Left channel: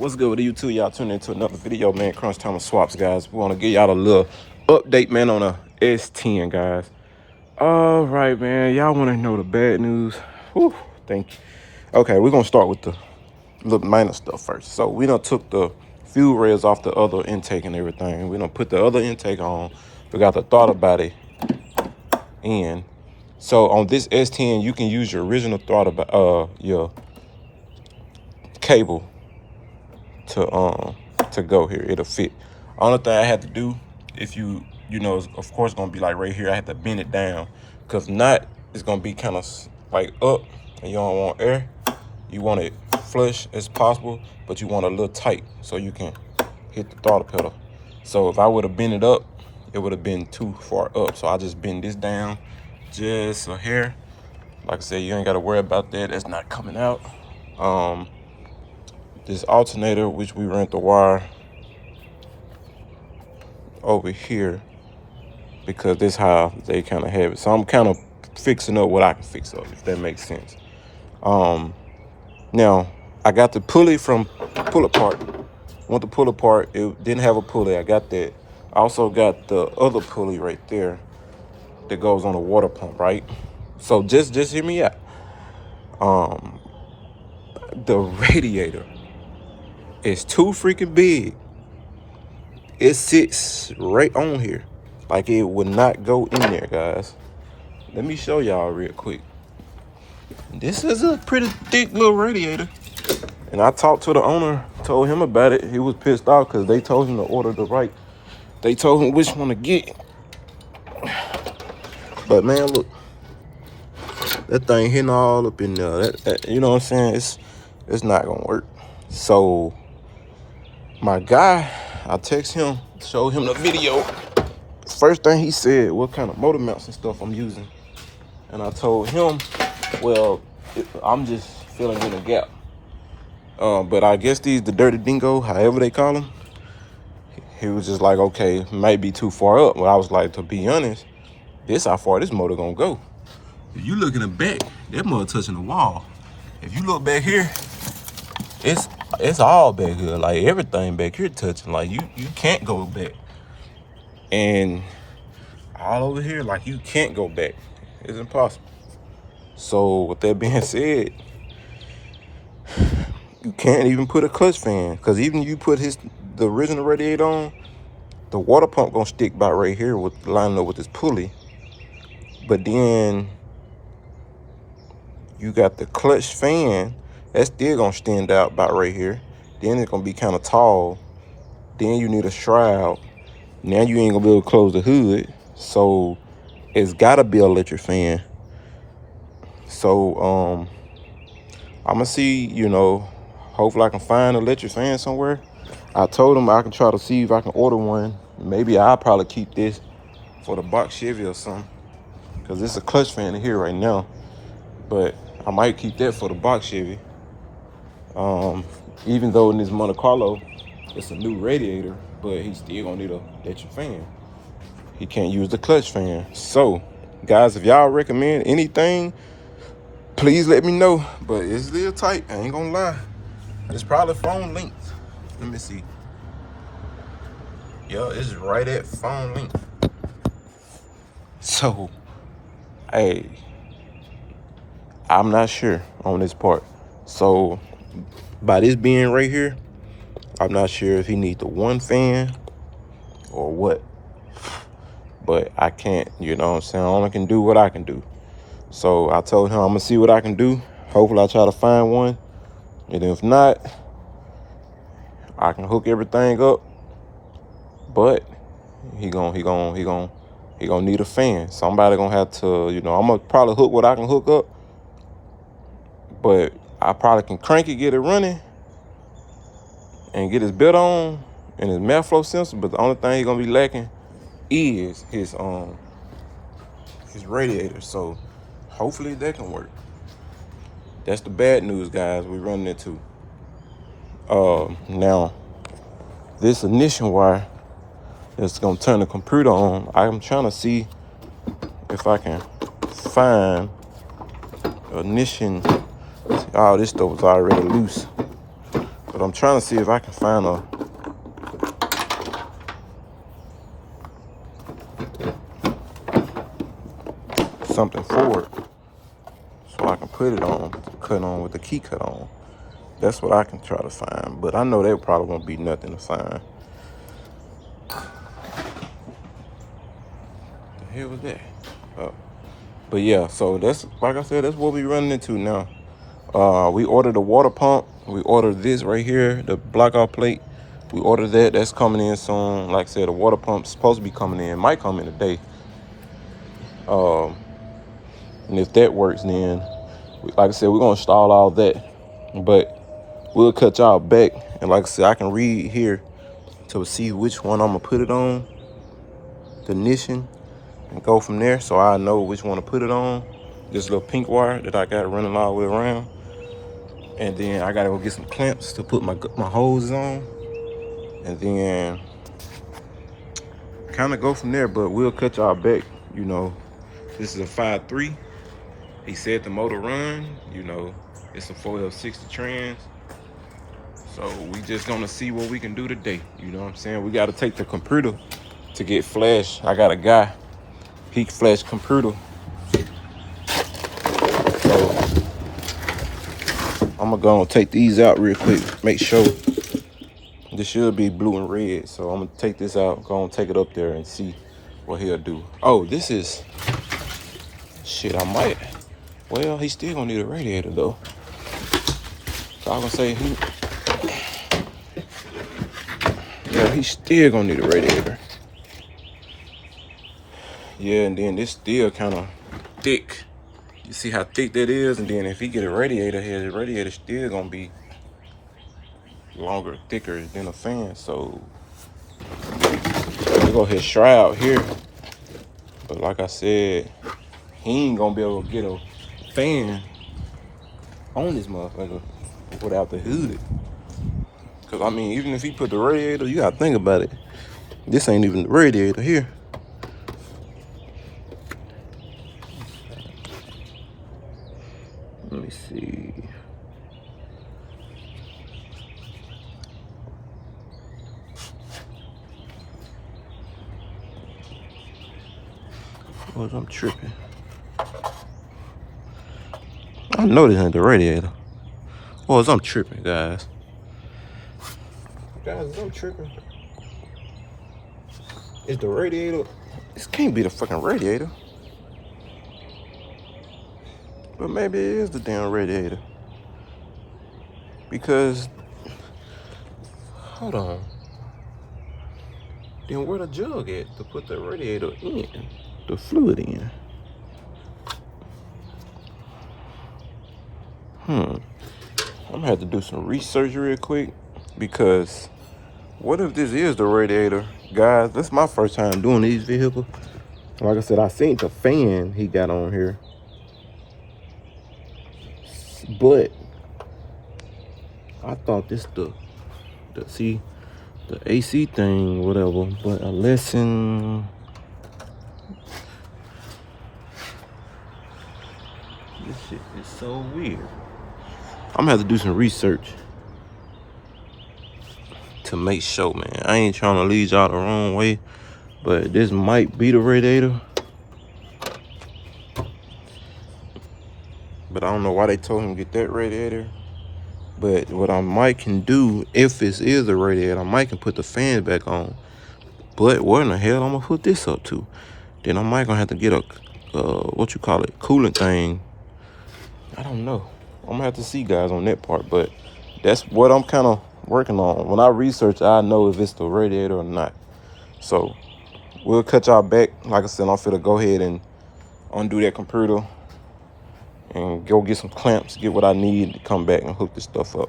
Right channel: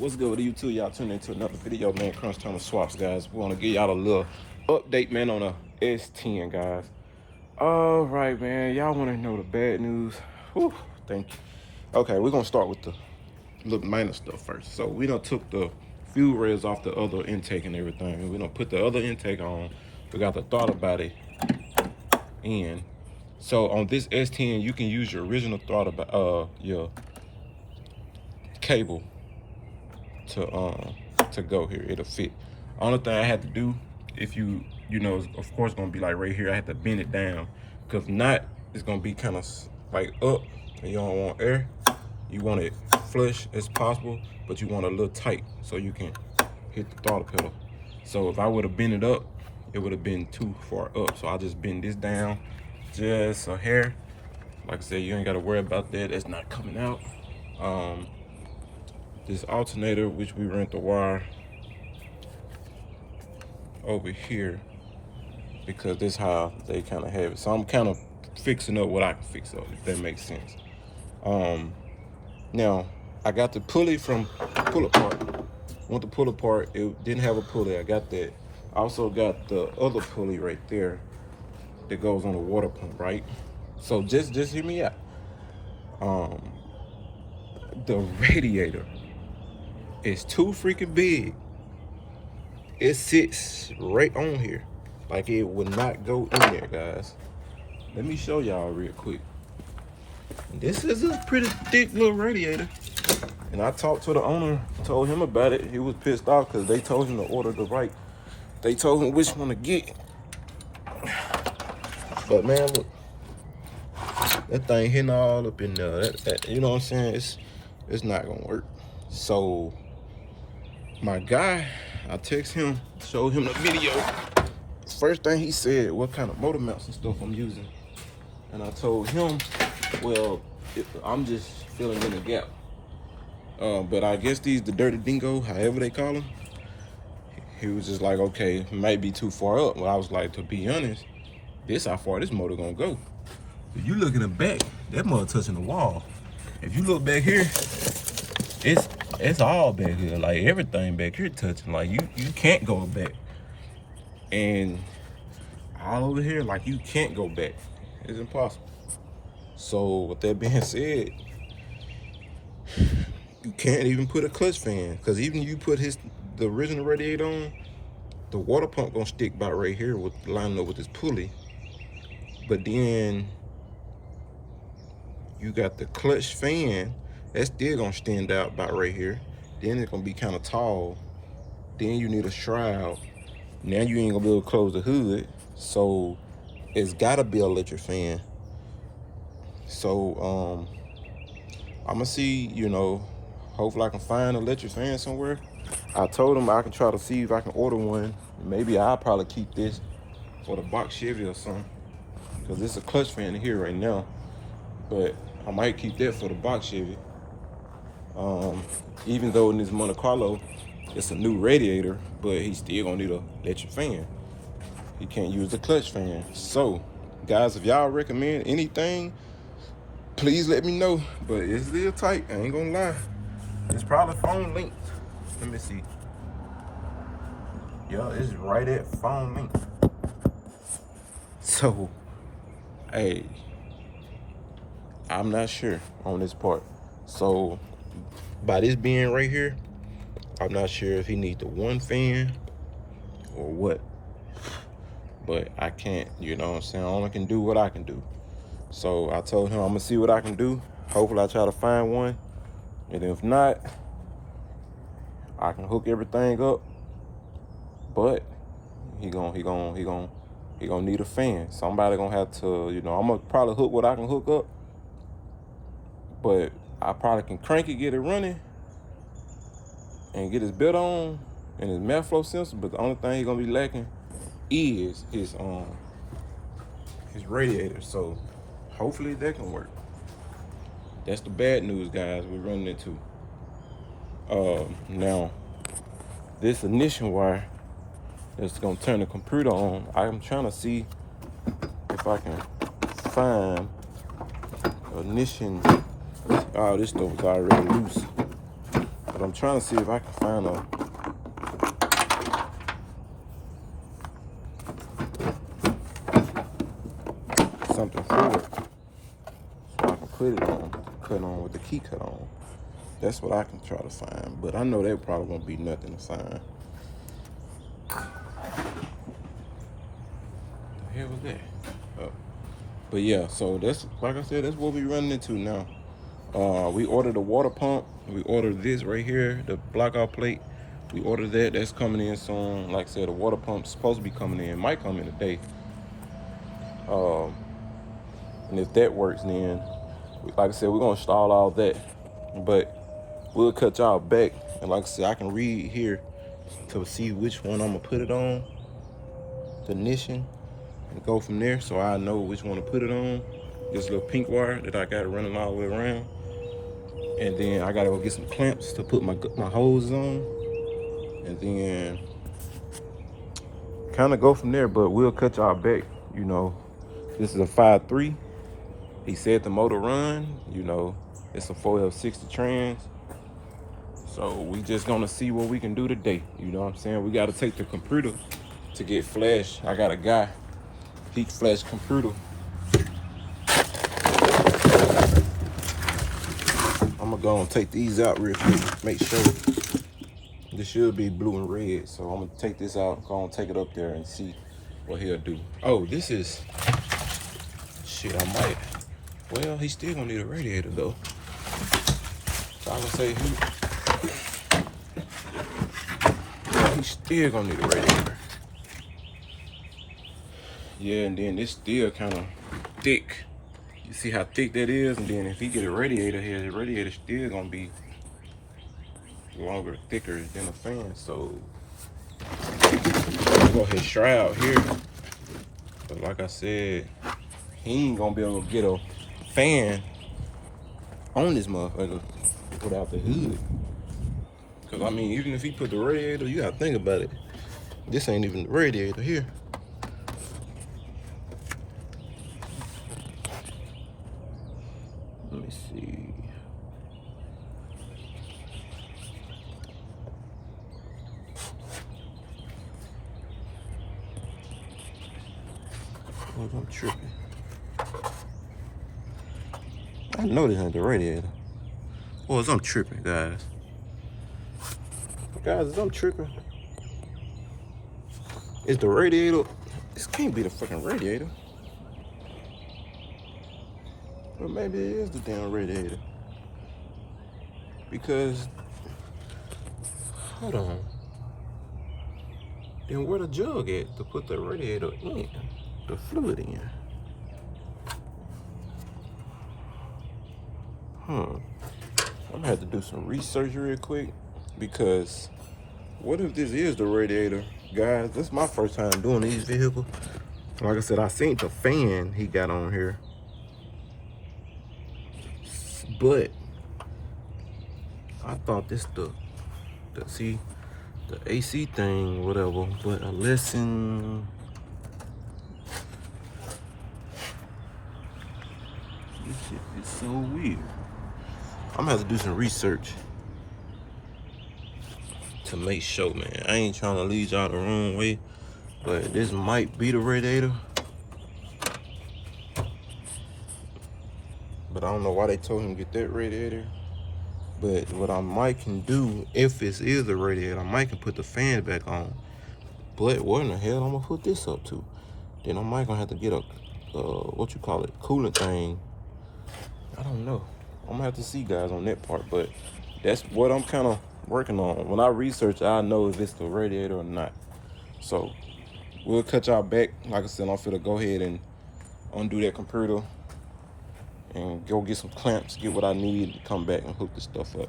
What's good with YouTube? Y'all tuning into another video, man. Crunch time of swaps, guys. We want to give y'all a little update, man, on a S10, guys. All right, man. Y'all want to know the bad news? Whew, thank you. Okay, we're gonna start with the little minor stuff first. So we done took the fuel rails off the other intake and everything. We done put the other intake on. We got the throttle body in. So on this S10, you can use your original throttle, your cable to go here. It'll fit. Only thing I had to do, if you know, is of course gonna be like right here. I had to bend it down, because not it's gonna be kind of like up, and you don't want air. You want it flush as possible, but you want it a little tight so you can hit the throttle pedal. So if I would have bent it up, it would have been too far up. So I just bend this down just a hair. Like I said, you ain't got to worry about that. That's not coming out. This alternator, which we ran the wire over here, because this how they kind of have it. So I'm kind of fixing up what I can fix up, if that makes sense. Now I got the pulley from pull apart. Want the pull apart? It didn't have a pulley. I got that. I also got the other pulley right there that goes on the water pump, right? So just hear me out. The radiator is too freaking big. It sits right on here. Like it would not go in there, guys. Let me show y'all real quick. This is a pretty thick little radiator. And I talked to the owner, told him about it. He was pissed off because they told him to order the right. They told him which one to get. But man, look. That thing hitting all up in there. That, you know what I'm saying? It's not gonna work. So my guy, I text him, showed him the video. First thing he said, what kind of motor mounts and stuff I'm using. And I told him, well, I'm just filling in a gap. But I guess the dirty dingo, however they call them, he was just like, okay, might be too far up. But I was like, to be honest, this how far this motor gonna go. If you look in the back, that motor touching the wall. If you look back here, it's all back here. Like everything back here touching. Like you can't go back. And all over here, like you can't go back. It's impossible. So with that being said, you can't even put a clutch fan, because even if you put the original radiator on, the water pump gonna stick about right here with lining up with this pulley. But then you got the clutch fan, that's still gonna stand out about right here. Then it's gonna be kind of tall. Then you need a shroud. Now you ain't gonna be able to close the hood. So it's gotta be an electric fan. So I'm gonna see, you know, hopefully I can find an electric fan somewhere. I told him I can try to see if I can order one. Maybe I'll probably keep this for the box Chevy or something, because it's a clutch fan in here right now. But I might keep that for the box Chevy. Even though in this Monte Carlo, it's a new radiator, but he's still gonna need a electric fan. He can't use the clutch fan. So, guys, if y'all recommend anything, please let me know. But it's a little tight, I ain't gonna lie. It's probably phone length. Let me see. Yeah, it's right at phone length. So, hey, I'm not sure on this part. So by this being right here, I'm not sure if he needs the one fan or what. But I can't, you know what I'm saying? I only can do what I can do. So I told him I'm gonna see what I can do. Hopefully I try to find one. And if not, I can hook everything up. But he gonna need a fan. Somebody gonna have to, you know, I'm gonna probably hook what I can hook up. But I probably can crank it, get it running, and get his belt on and his mass flow sensor. But the only thing he's gonna be lacking is his radiator. So hopefully that can work. That's the bad news, guys, we're running into. Now this ignition wire that's gonna turn the computer on, I'm trying to see if I can find ignition. Oh, this stuff was already loose. But I'm trying to see if I can find something for it so I can put it on, cut on with the key cut on. That's what I can try to find, but I know there probably won't be nothing to find. The hell was that? Oh. But yeah, so that's, like I said, that's what we running into now. We ordered a water pump. We ordered this right here, the blackout plate. We ordered that. That's coming in soon. Like I said, the water pump's supposed to be coming in. Might come in today. And if that works, then, like I said, we're going to install all that. But we'll cut y'all back. And like I said, I can read here to see which one I'm going to put it on. The ignition. And go from there so I know which one to put it on. This little pink wire that I got running all the way around. And then I gotta go get some clamps to put my hoses on. And then kind of go from there, but we'll cut y'all back. You know, this is a 5.3. He said the motor run, you know, it's a 4L60 trans. So we just gonna see what we can do today. You know what I'm saying? We gotta take the computer to get flash. I got a guy, he flash computer. So I'm gonna go and take these out real quick, make sure. This should be blue and red, so I'm gonna take this out, go and take it up there and see what he'll do. Oh, this is, shit, I might, well, he's still gonna need a radiator though. So I'm gonna say, he's still gonna need a radiator. Yeah, and then this still kind of thick. You see how thick that is? And then if he get a radiator here, the radiator still gonna be longer, thicker than a fan. So we go ahead shroud here. But like I said, he ain't gonna be able to get a fan on this motherfucker without the hood. Cause I mean, even if he put the radiator, you gotta think about it. This ain't even the radiator here. Let me see. Oh, I'm tripping. I know this ain't the radiator. Oh, I'm tripping, guys. Guys, I'm tripping. Is the radiator? This can't be the fucking radiator. But maybe it is the damn radiator. Because, hold on. Then where the jug at to put the radiator in? The fluid in? I'm gonna have to do some research real quick. Because what if this is the radiator? Guys, this is my first time doing these vehicles. Like I said, I seen the fan he got on here. But I thought this the AC thing, whatever. But a lesson. This shit is so weird. I'm gonna have to do some research to make sure, man. I ain't trying to lead y'all the wrong way, but this might be the radiator. But I don't know why they told him to get that radiator. But what I might can do, if this is the radiator, I might can put the fans back on. But where in the hell I'm gonna put this up to? Then I might gonna have to get a, what you call it, coolant thing. I don't know. I'm gonna have to see, guys, on that part. But that's what I'm kind of working on. When I research, I know if it's the radiator or not. So we'll cut y'all back. Like I said, I'm finna go ahead and undo that computer and go get some clamps, get what I need to come back and hook this stuff up.